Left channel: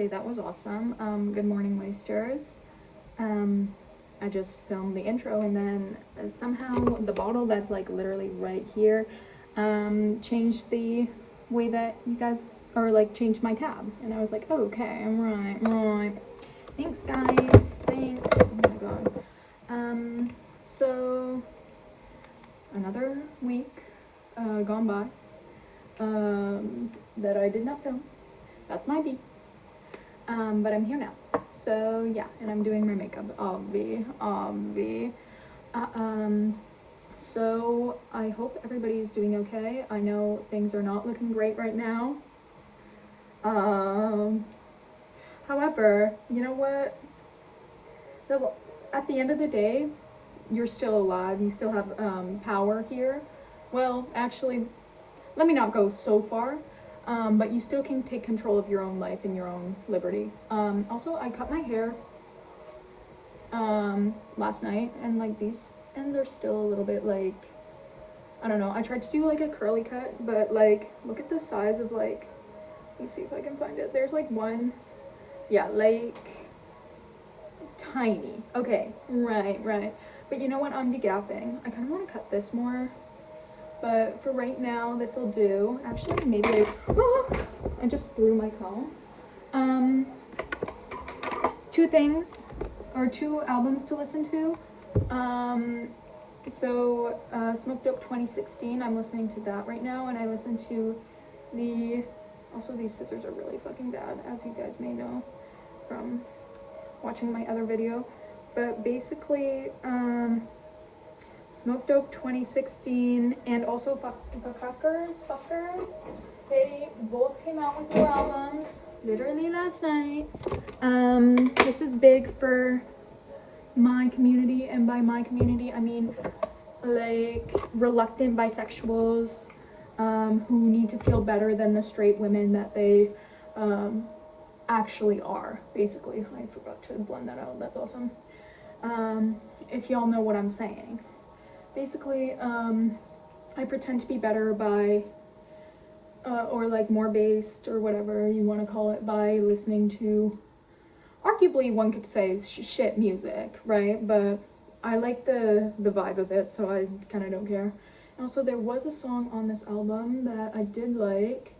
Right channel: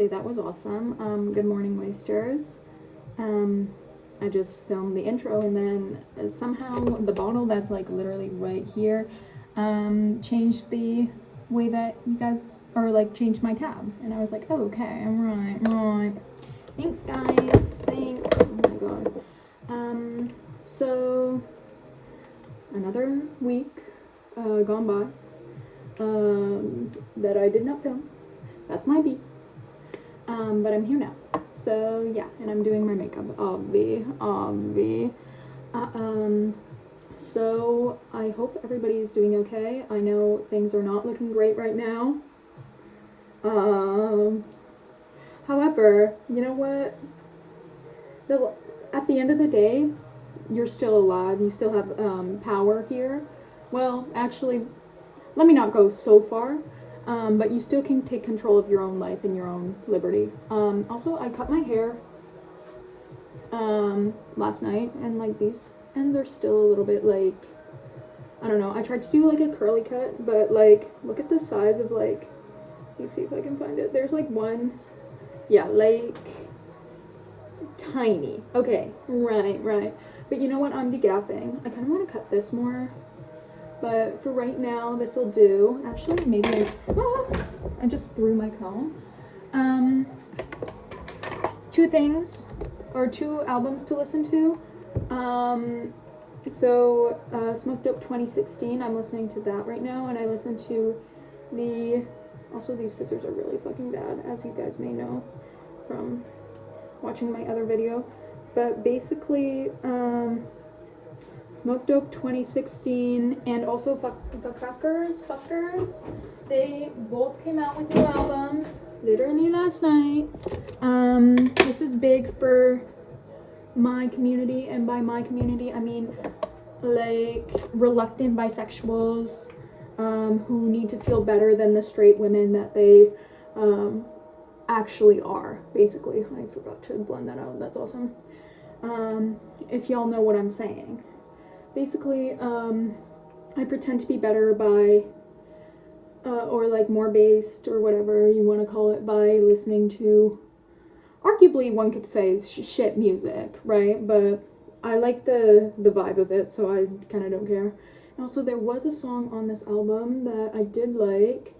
Okay, that was awesome. Good morning, Moisters. I just filmed the intro, and then somehow the bottle that's like literally right here changed the way that you guys, or like changed my tab, and I was like, oh, okay, right. Thanks, guys. Thanks. Oh my god. So another week gone by that I did not film. That's my beat. But I'm here now. So yeah, and I'm doing my makeup, obvi. So I hope everybody's doing okay. I know things are not looking great right now. However, you know what? At the end of the day, you're still alive. You still have power here. Well, actually, let me not go so far. But you still can take control of your own life and your own liberty. Also, I cut my hair last night, and like these ends are still a little bit like, I don't know. I tried to do like a curly cut, but like look at the size of like, let's see if I can find it. There's like one, yeah, like tiny. Okay, right. But you know what? I'm degaffing. I kind of want to cut this more. But for right now, this will do. Actually, maybe I just threw my comb. Two albums to listen to. Smoke Dope 2016, I'm listening to that right now, and I listen to also these scissors are really fucking bad, as you guys may know from watching my other video. But basically, Smoke Dope 2016 and also Fuckers, they both came out with new albums literally last night. This is big for my community, and by my community I mean like reluctant bisexuals who need to feel better than the straight women that they actually are. Basically, I forgot to blend that out. That's awesome. If y'all know what I'm saying. Basically, I pretend to be better by, or like more based, or whatever you want to call it, by listening to, arguably one could say shit music, right? But I like the vibe of it, so I kind of don't care. And also, there was a song on this album that I did like.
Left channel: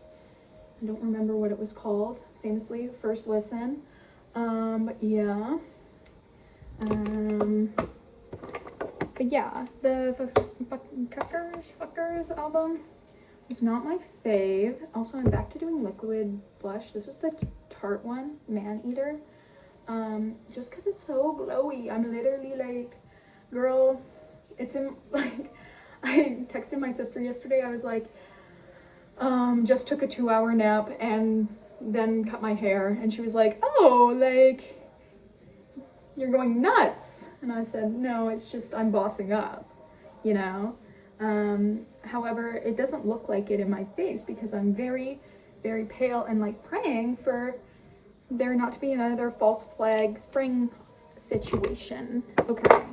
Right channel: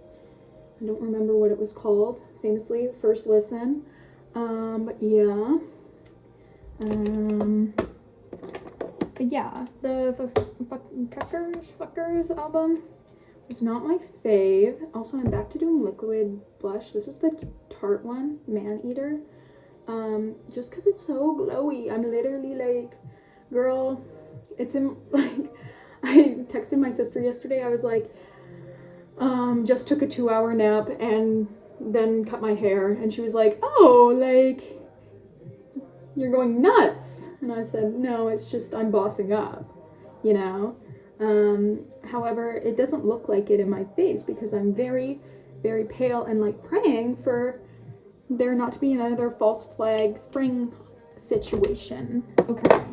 I don't remember what it was called, famously, First Listen. But yeah. But yeah, the Fuckers album is not my fave. Also, I'm back to doing liquid blush. This is the Tarte one, Man Eater. Just because it's so glowy. I'm literally like, girl, it's in, like, I texted my sister yesterday. I was like, just took a 2-hour nap and then cut my hair. And she was like, oh, like, you're going nuts. And I said, no, it's just I'm bossing up, you know. However, it doesn't look like it in my face because I'm very, very pale and like praying for there not to be another false flag spring situation. Okay.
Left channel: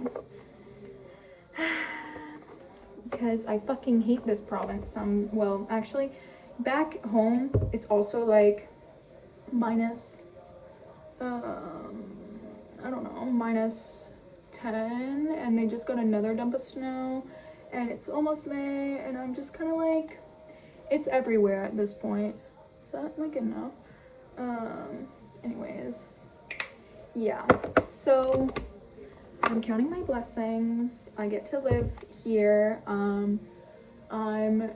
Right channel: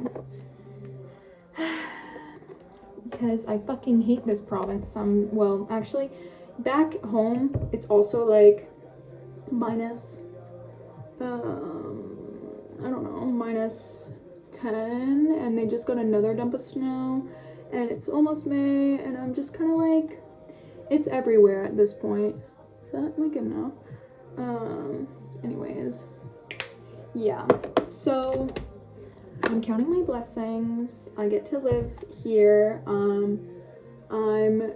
Because I fucking hate this province. Well, actually, back home, it's also like minus, I don't know, minus 10, and they just got another dump of snow, and it's almost May, and I'm just kind of like, it's everywhere at this point. Is that like enough? Anyways, yeah, so I'm counting my blessings. I get to live here. I'm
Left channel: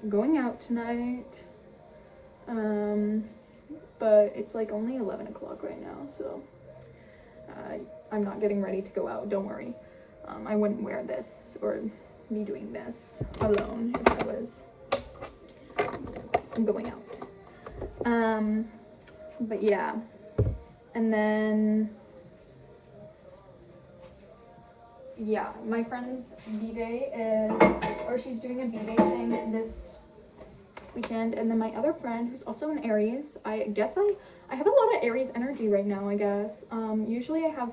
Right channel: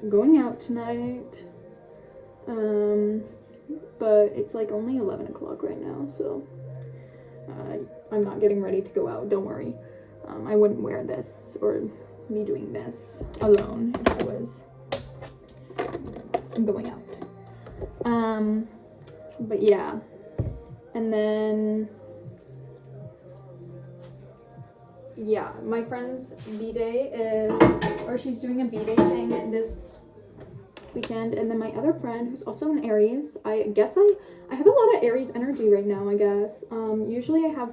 going out tonight, but it's like only 11 o'clock right now, so I'm not getting ready to go out, don't worry. I wouldn't wear this or be doing this alone if I was going out. But yeah, and then, yeah, my friend's B-day she's doing a B-day thing this weekend, and then my other friend, who's also an Aries, I guess I have a lot of Aries energy right now, I guess. Usually I have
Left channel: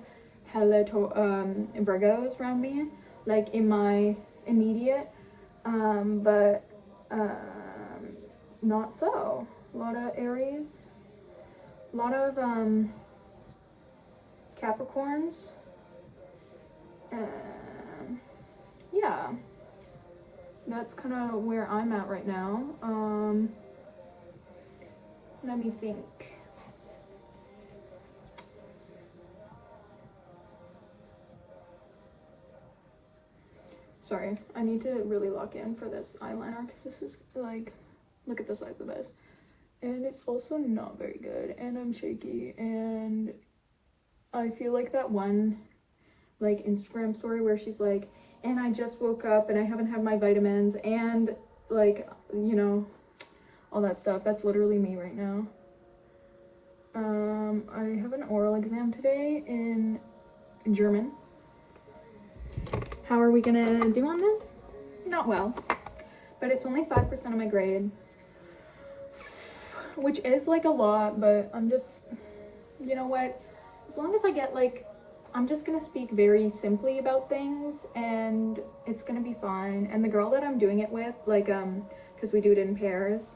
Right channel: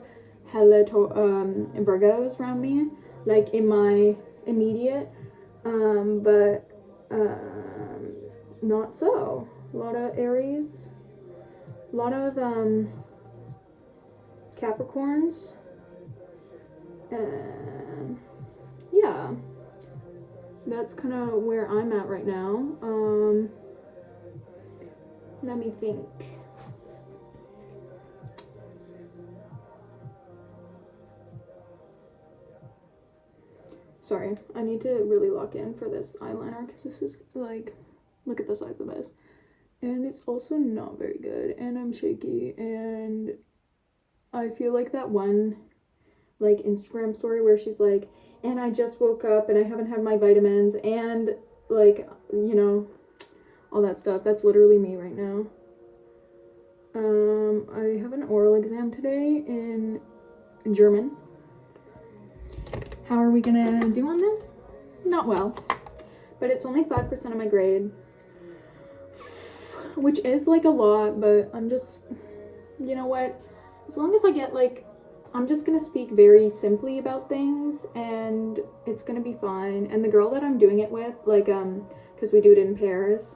hella Virgos around me, like in my immediate, but not so. A lot of Aries. a lot of Capricorns. Yeah, that's kind of where I'm at right now. Let me think. Sorry, I need to really lock in for this eyeliner because this is like, look at the size of this. And it's also not very good, and I'm shaky, and I feel like that one like Instagram story where she's like, and I just woke up and I haven't had my vitamins, and like, you know, all that stuff. That's literally me right now. I have an oral exam today in German. How are we gonna do on this? Not well, but it's only 5% of my grade, which is like a lot, but I'm just, you know what, as long as I get like, I'm just gonna speak very simply about things and it's gonna be fine. And the girl that I'm doing it with, like, because we do it in pairs,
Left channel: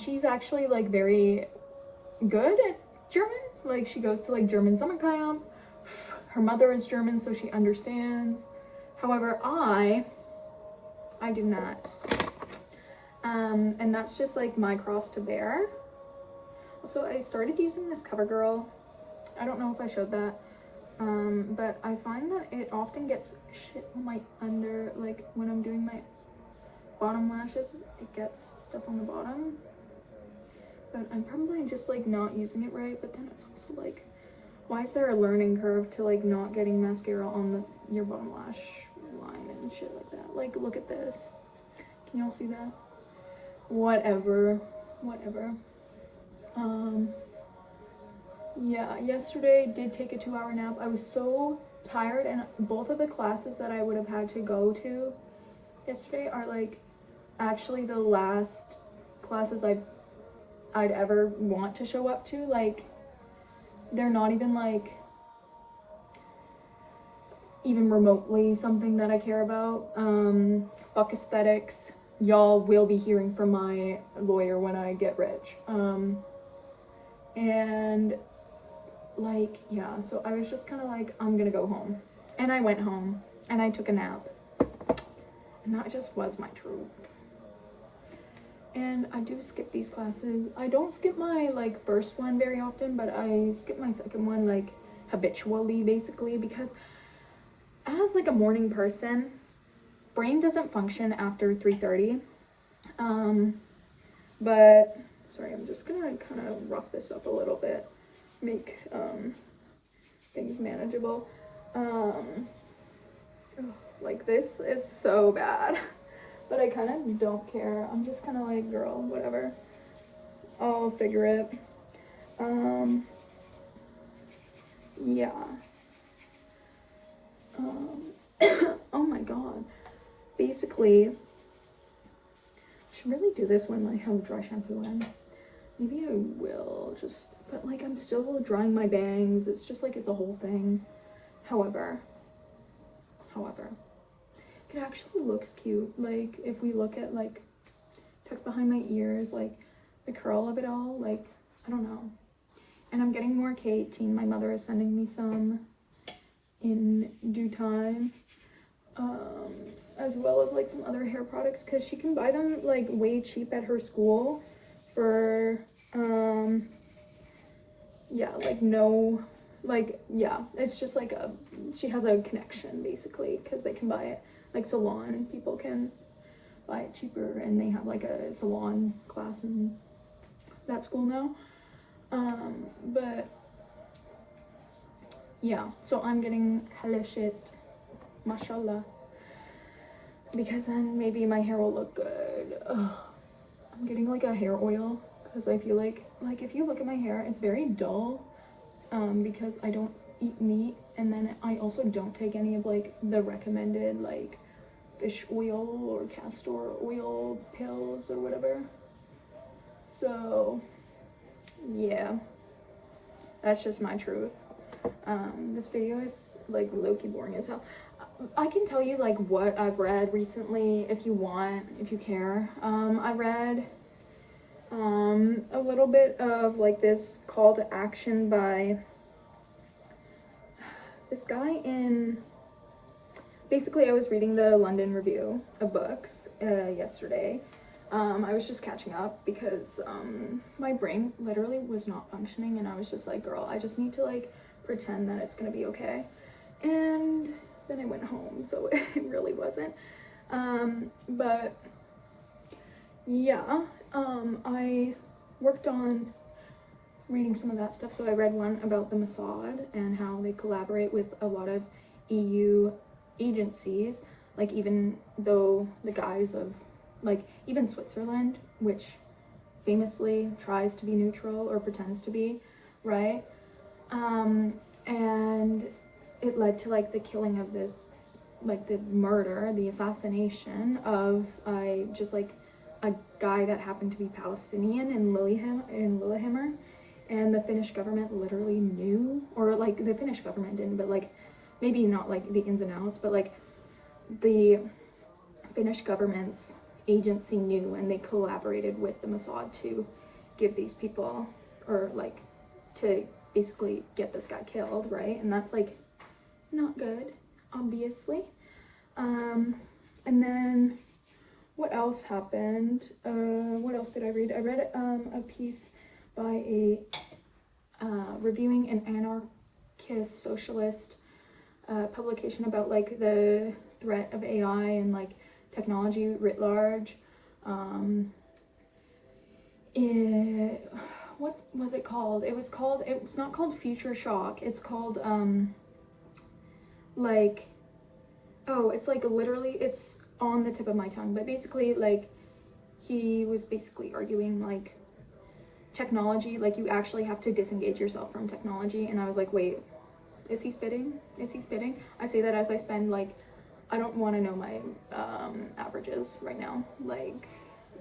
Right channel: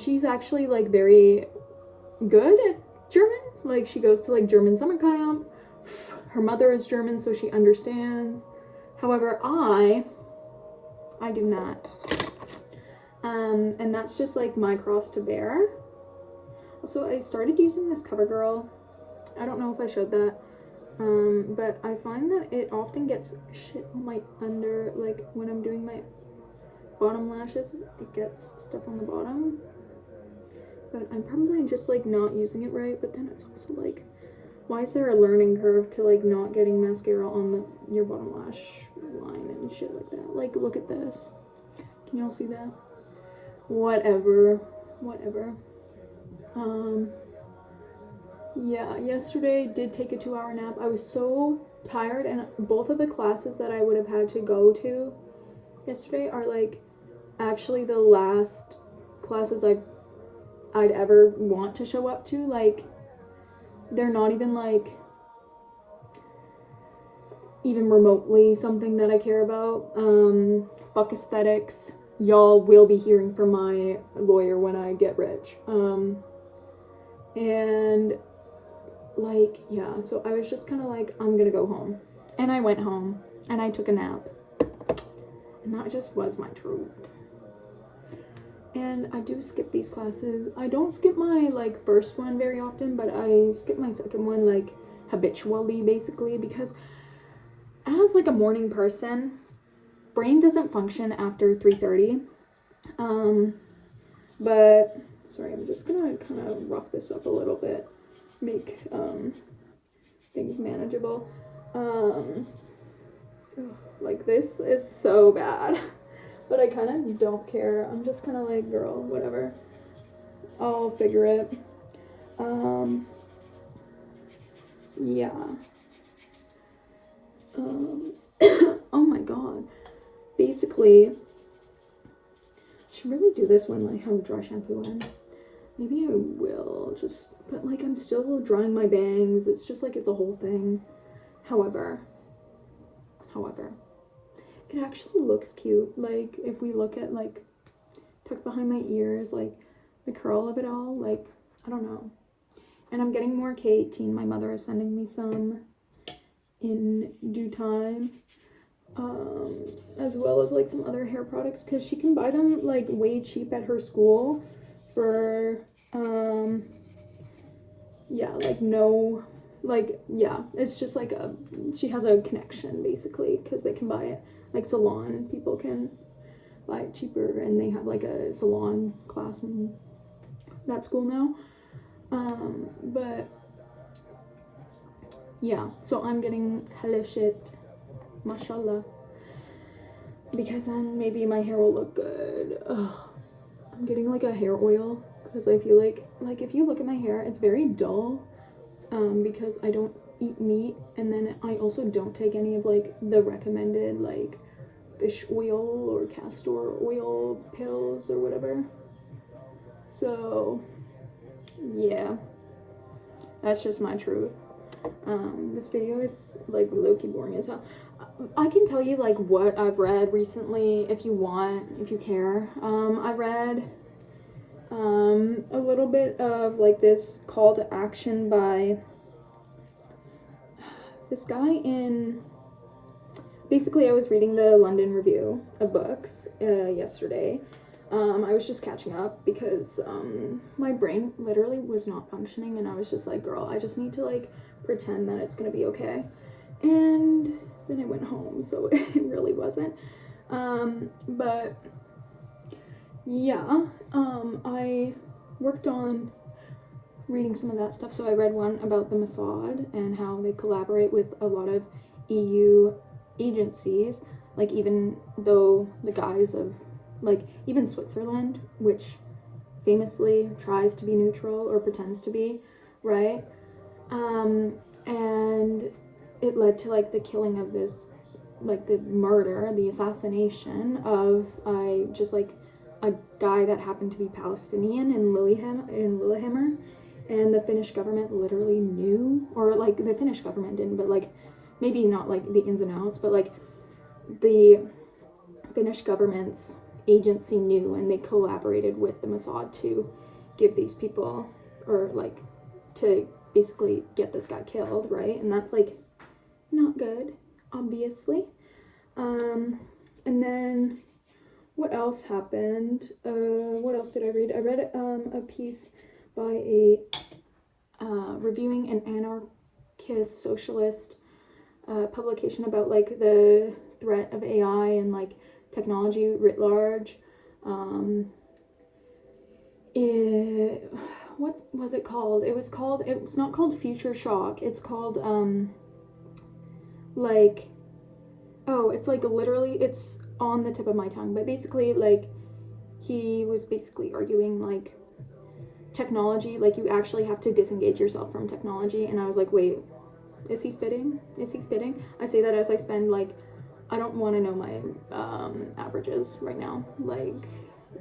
she's actually like very good at German. Like, she goes to like German summer camp. Her mother is German, so she understands. However, I do not. And that's just like my cross to bear. So I started using this CoverGirl. I don't know if I showed that. But I find that it often gets shit on my under, like when I'm doing my bottom lashes, it gets stuff on the bottom. But I'm probably just like not using it right, but then it's also like, why is there a learning curve to like not getting mascara on your bottom lash line and shit like that? Like, look at this. Can y'all see that? Whatever. Yeah, yesterday did take a 2-hour nap. I was so tired, and both of the classes that I would have had to go to yesterday are like actually the last classes I'd ever want to show up to. Like, they're not even like even remotely something that I care about. Fuck aesthetics. Y'all will be hearing from my lawyer when I get rich. And like, yeah, so I was just kind of like, I'm gonna go home. And I went home and I took a nap. And that just was my truth. And I do skip these classes. I don't skip my like first one very often, but I skip my second one like habitually, basically, because as like a morning person, brain doesn't function after 3:30. But sorry, I'm just gonna kind of rough this up a little bit, make things manageable. Like, this is so bad, but I kind of don't care. I'm just kind of like, girl, whatever, I'll figure it. Yeah. Oh my god. Basically, I should really do this when I have dry shampoo in. Maybe I will just, but like, I'm still drying my bangs. It's just like, it's a whole thing. However, it actually looks cute. Like, if we look at like tucked behind my ears, like the curl of it all, like, I don't know. And I'm getting more K18. My mother is sending me some in due time, as well as like some other hair products, because she can buy them like way cheap at her school for yeah, like no, like, yeah, it's just like she has a connection basically, because they can buy it, like salon people can buy it cheaper, and they have like a salon class in that school now. But yeah, so I'm getting hella shit, mashallah, because then maybe my hair will look good. I'm getting like a hair oil, because I feel like if you look at my hair, it's very dull, because I don't eat meat, and then I also don't take any of like the recommended like fish oil or castor oil pills or whatever. So yeah, that's just my truth. This video is like low-key boring as hell. I can tell you like what I've read recently if you want, if you care. I read A little bit of like this call to action by this guy in, basically I was reading the London Review of Books yesterday. I was just catching up because my brain literally was not functioning, and I was just like, girl, I just need to like pretend that it's gonna be okay. And then I went home, so it really wasn't. But yeah, I worked on reading some of that stuff. So I read one about the Mossad and how they collaborate with a lot of EU agencies, like even though the guise of, like, even Switzerland, which famously tries to be neutral or pretends to be, right? And it led to like the killing of this, like the murder, the assassination of just like a guy that happened to be Palestinian in Lillehammer, and the Finnish government literally knew, or like the Finnish government didn't, but like maybe not like the ins and outs, but like the Finnish government's agency knew, and they collaborated with the Mossad to give these people, or like to basically get this guy killed, right? And that's like not good, obviously. And then what else happened? What else did I read? I read a piece by a reviewing an anarchist socialist publication about like the threat of AI and like technology writ large. What was it called? It's not called Future Shock. It's called like, oh, it's like literally, it's on the tip of my tongue, but basically like he was basically arguing like technology, like you actually have to disengage yourself from technology. And I was like, wait, is he spitting? I say that as I spend like, I don't want to know my averages right now. Like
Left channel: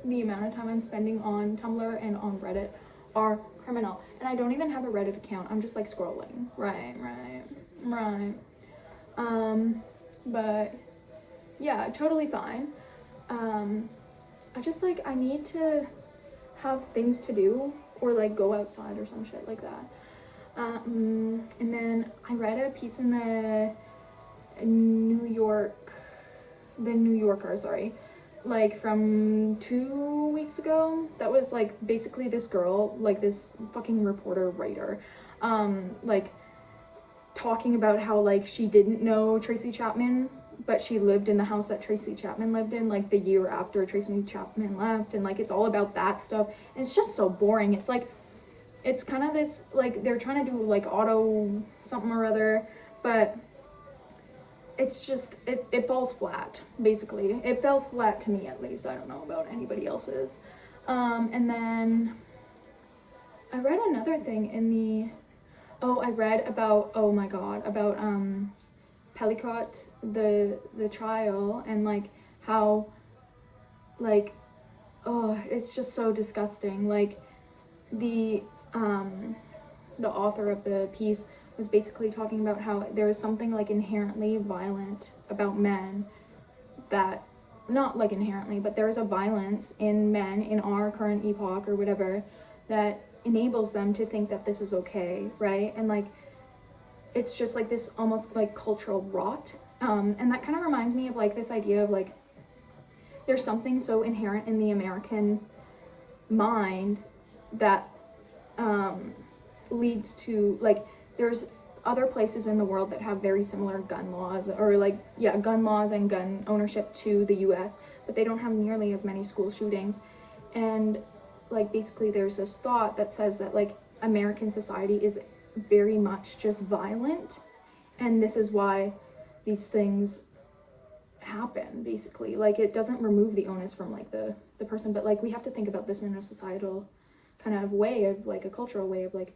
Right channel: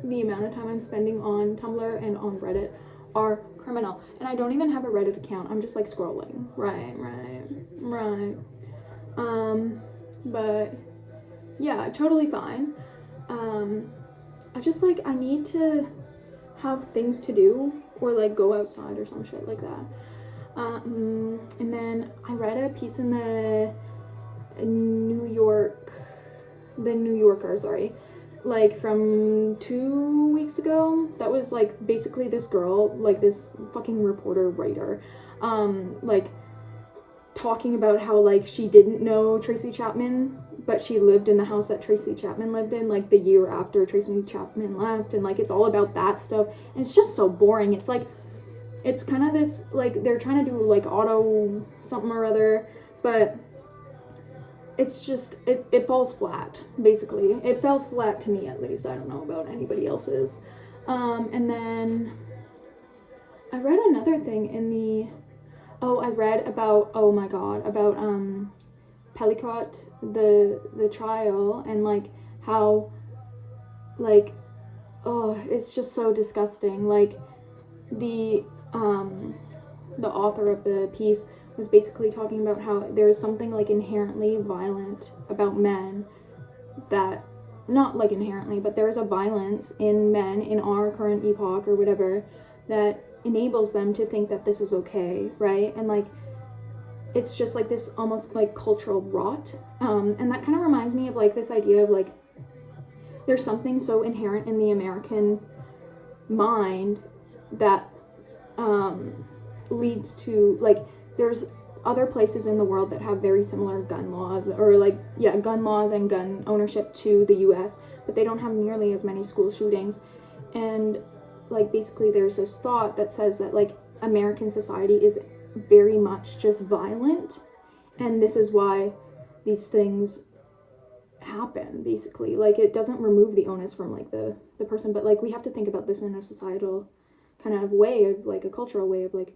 the amount of time I'm spending on Tumblr and on Reddit are criminal, and I don't even have a Reddit account. I'm just like scrolling. Right. But yeah, totally fine. I just like, I need to have things to do, or like go outside or some shit like that. And then I read a piece in the New Yorker, sorry, like from 2 weeks ago, that was like basically this girl, like this fucking reporter writer, like talking about how like she didn't know Tracy Chapman, but she lived in the house that Tracy Chapman lived in like the year after Tracy Chapman left, and like it's all about that stuff, and it's just so boring. It's like, it's kind of this, like they're trying to do like auto something or other, but it's just, it falls flat, basically. It fell flat to me, at least. I don't know about anybody else's. And then I read another thing in I read about, oh my god, about Pelicot, the trial, and like how, like, oh, it's just so disgusting. Like the author of the piece was basically talking about how there's something like inherently violent about men, that, not like inherently, but there is a violence in men in our current epoch or whatever that enables them to think that this is okay, right? And like, it's just like this almost like cultural rot. And that kind of reminds me of like this idea of like, there's something so inherent in the American mind that leads to like, there's other places in the world that have very similar gun laws, or like, yeah, gun laws and gun ownership to the US, but they don't have nearly as many school shootings. And like, basically there's this thought that says that like American society is very much just violent, and this is why these things happen, basically. Like, it doesn't remove the onus from like the person, but like we have to think about this in a societal kind of way, of like a cultural way of like,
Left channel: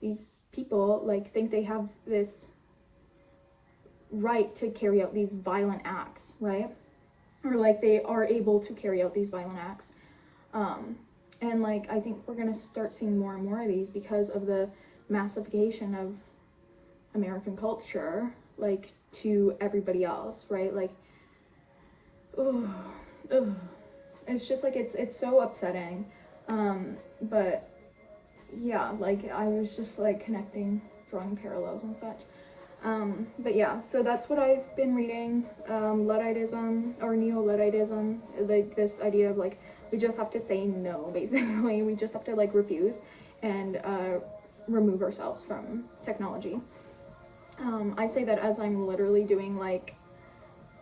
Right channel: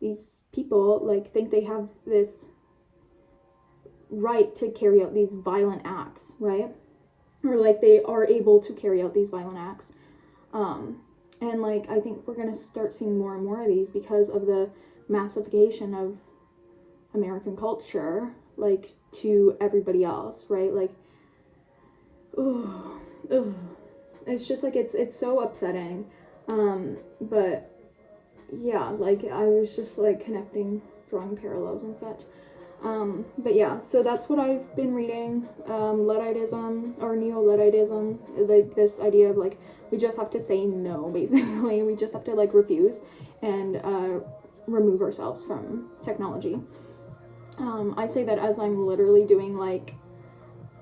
these people like think they have this right to carry out these violent acts, right? Or like they are able to carry out these violent acts. And like, I think we're gonna start seeing more and more of these because of the massification of American culture, like, to everybody else, right? Like, it's just like, it's so upsetting. But yeah, like I was just like connecting, drawing parallels and such. But yeah, so that's what I've been reading. Ludditism or neo-Ludditism, like this idea of like we just have to say no, basically. We just have to like refuse and remove ourselves from technology. I say that as I'm literally doing like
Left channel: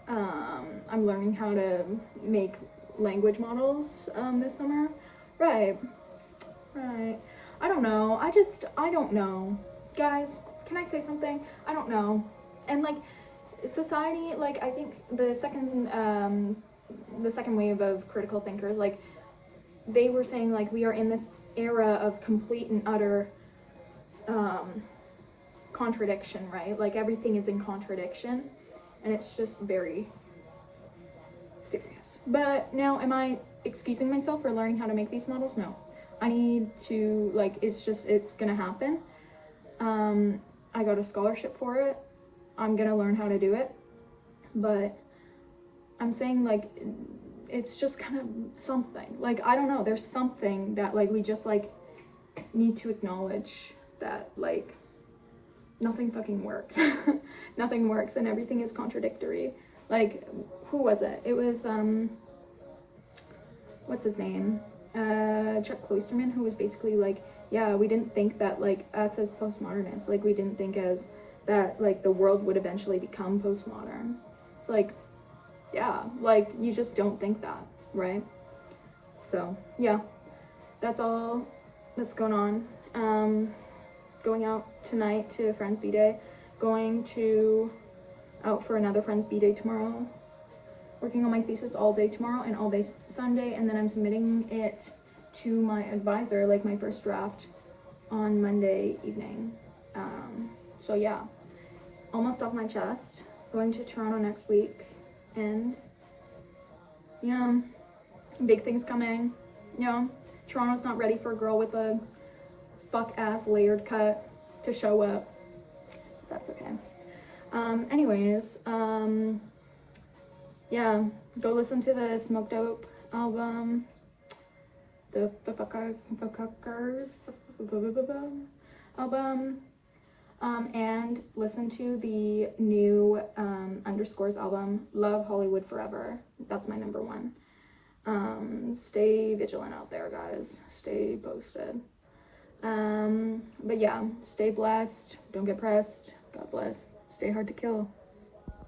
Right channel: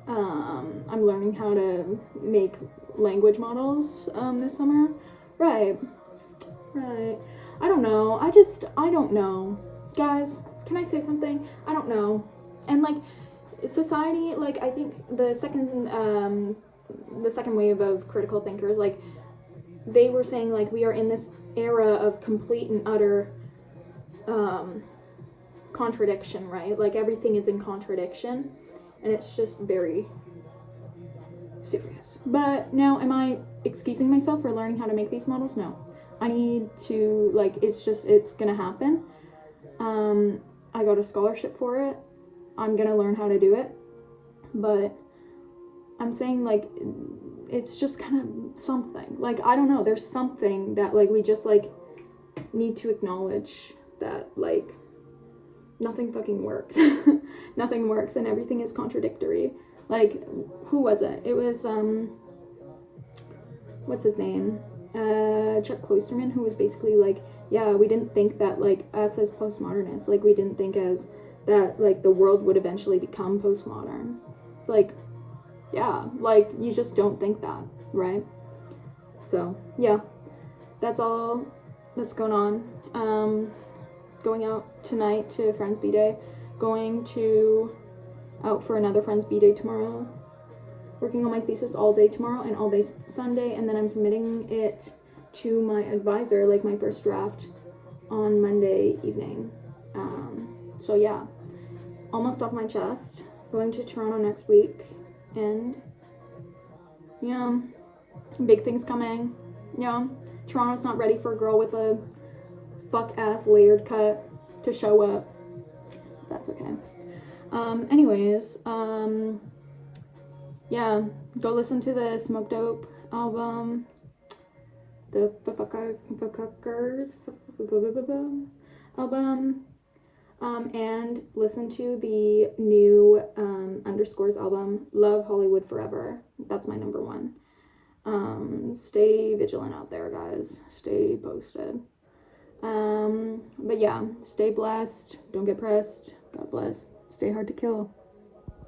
I'm learning how to make language models this summer. Right. I don't know. I don't know. Guys, can I say something? I don't know. And like society, like I think the second wave of critical thinkers, like they were saying like we are in this era of complete and utter contradiction, right? Like everything is in contradiction, and it's just very serious. But now, am I excusing myself for learning how to make these models? No. I need to, like, it's gonna happen. I got a scholarship for it. I'm gonna learn how to do it. But I'm saying, like, it's just kind of something. Like, I don't know, there's something that, like, we just, like, need to acknowledge that, like, nothing fucking works. Nothing works and everything is contradictory. Like, who was it? It was, what's his name? Chuck Klosterman, who was basically like, yeah, we didn't think that, like, us as postmodernists, like, we didn't think as that, like, the world would eventually become postmodern. It's like, yeah, like, you just don't think that, right? So, yeah, that's all that's going on. Going out tonight to a friend's B-Day, going to out for another friend's B-Day tomorrow, working on my thesis all day tomorrow and all day Sunday, and then I'm submitting it to my advisor, like my first draft, on Monday evening. So yeah, almost off my chest. Going to Toronto next week, and yeah, big things coming. Yeah, Toronto's not ready for a girl with a fuck-ass layered cut to show up. That's okay. Anyways, yeah, go listen to the Smoke Dope album, the Fuckers album, and listen to the new Underscores album, Love Hollywood Forever. That's my number one. Stay vigilant out there, guys. Stay posted. But yeah, stay blessed. Don't get pressed. God bless. Stay hard to kill.